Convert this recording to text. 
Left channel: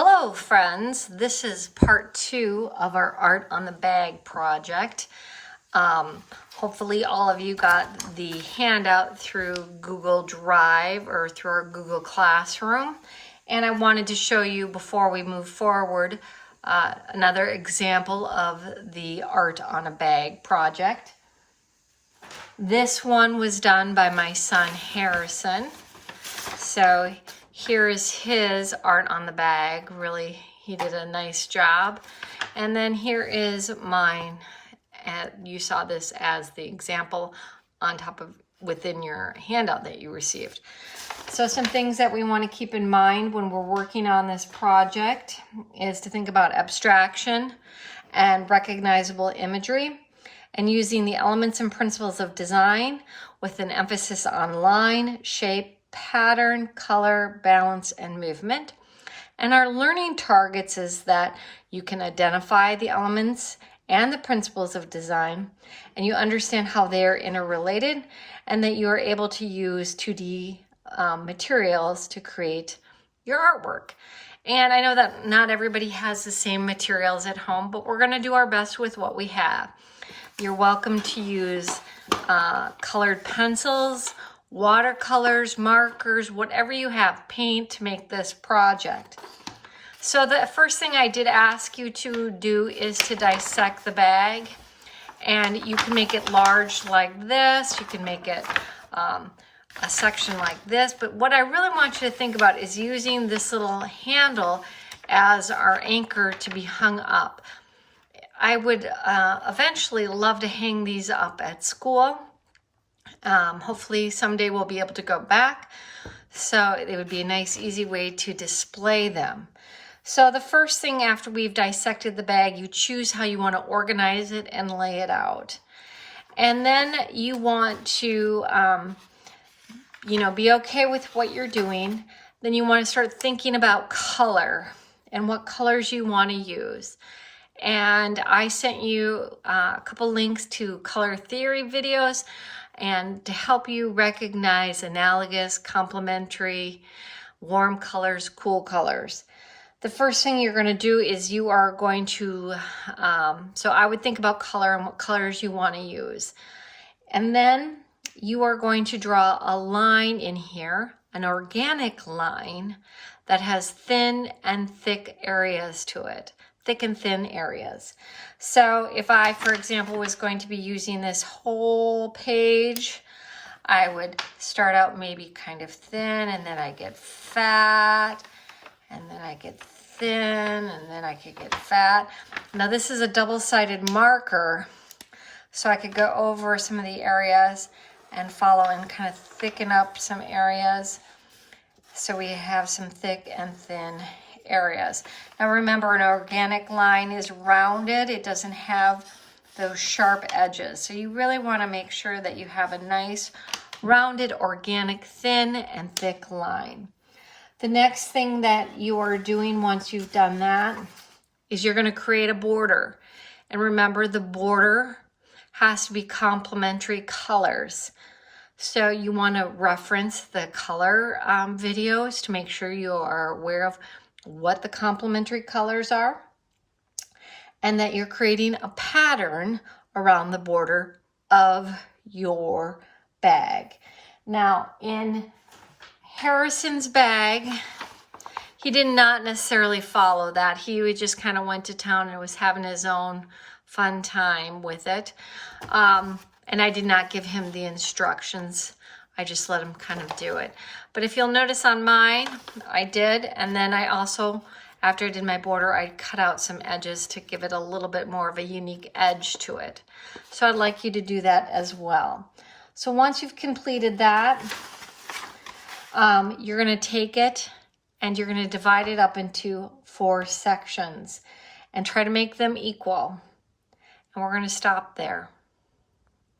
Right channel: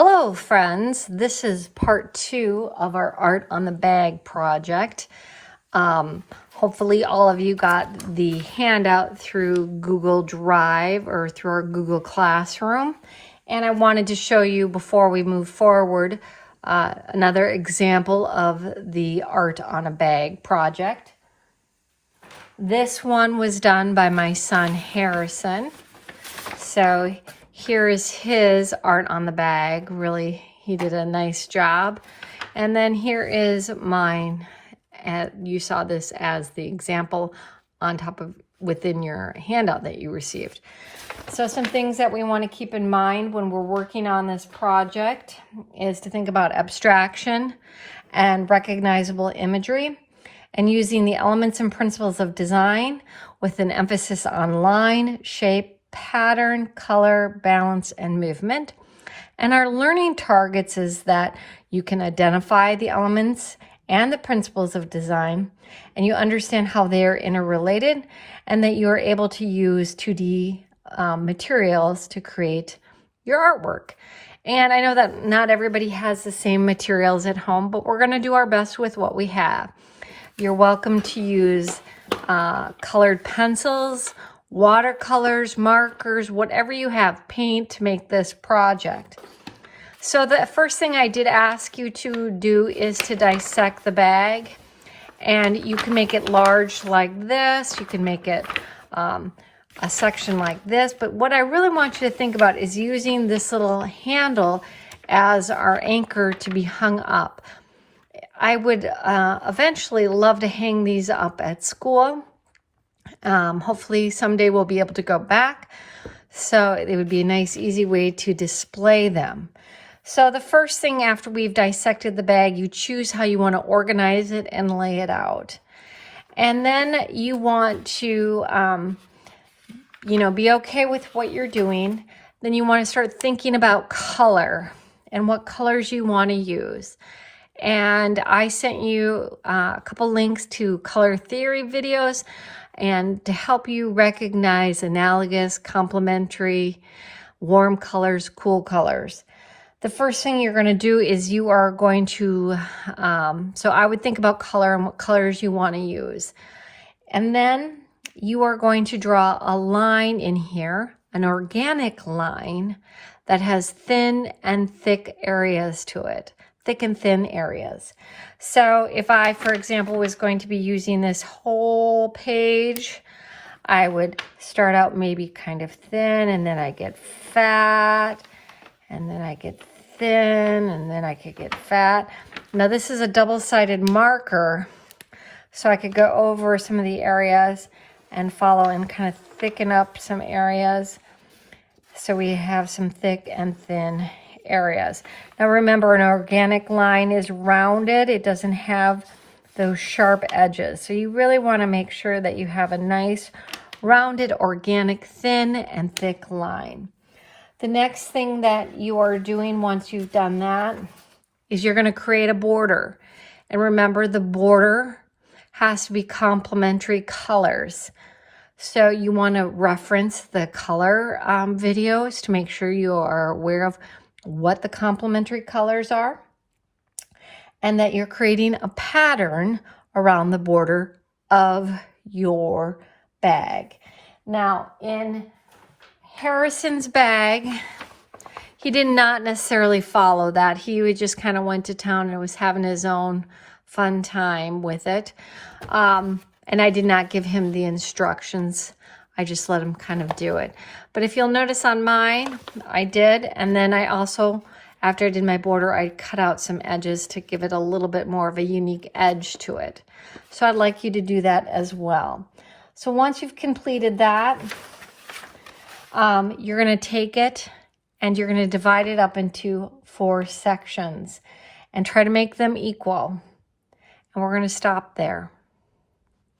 Hello friends, this is part 2 of our Art on the Bag project. Hopefully all of you got the handout through Google Drive or through our Google Classroom. And I wanted to show you before we move forward another example of the Art on a Bag project. This one was done by my son Harrison. So here is his art on the bag. Really, he did a nice job. And then here is mine. You saw this as the example on top of within your handout that you received. So some things that we want to keep in mind when we're working on this project is to think about abstraction and recognizable imagery and using the elements and principles of design with an emphasis on line, shape, pattern, color, balance, and movement. And our learning targets is that you can identify the elements and the principles of design, and you understand how they are interrelated, and that you are able to use 2D materials to create your artwork. And I know that not everybody has the same materials at home, but we're going to do our best with what we have. You're welcome to use colored pencils, watercolors, markers, whatever you have, paint to make this project. So the first thing I did ask you to do is to dissect the bag, and you can make it large like this, you can make it a section like this, but what I really want you to think about is using this little handle as our anchor to be hung up. I would eventually love to hang these up at school. Hopefully someday we'll be able to go back. So it would be a nice, easy way to display them. So the first thing after we've dissected the bag, you choose how you want to organize it and lay it out. And then you want to, be okay with what you're doing. Then you want to start thinking about color and what colors you want to use. And I sent you a couple links to color theory videos and to help you recognize analogous, complementary, warm colors, cool colors. The first thing you're going to do is you are going to, so I would think about color and what colors you want to use. And then you are going to draw a line in here, an organic line that has thin and thick areas to it. Thick and thin areas. So if I, for example, was going to be using this whole page, I would start out maybe kind of thin, and then I get fat, and then I get thin, and then I could get fat. Now this is a double-sided marker, so I could go over some of the areas and follow and kind of thicken up some areas. So we have some thick and thin areas. Now remember, an organic line is rounded. It doesn't have those sharp edges. So you really want to make sure that you have a nice rounded, organic, thin and thick line. The next thing that you are doing once you've done that is you're going to create a border. And remember, the border has to be complementary colors. So you want to reference the color videos to make sure you are aware of what the complementary colors are, and that you're creating a pattern around the border of your bag. Now in Harrison's bag, he did not necessarily follow that. He would just kind of went to town and was having his own fun time with it. And I did not give him the instructions. I just let him kind of do it. But if you'll notice on mine, I did. And then I also, after I did my border, I cut out some edges to give it a little bit more of a unique edge to it. So I'd like you to do that as well. So once you've completed that, you're going to take it and you're going to divide it up into 4 sections and try to make them equal. And we're going to stop there.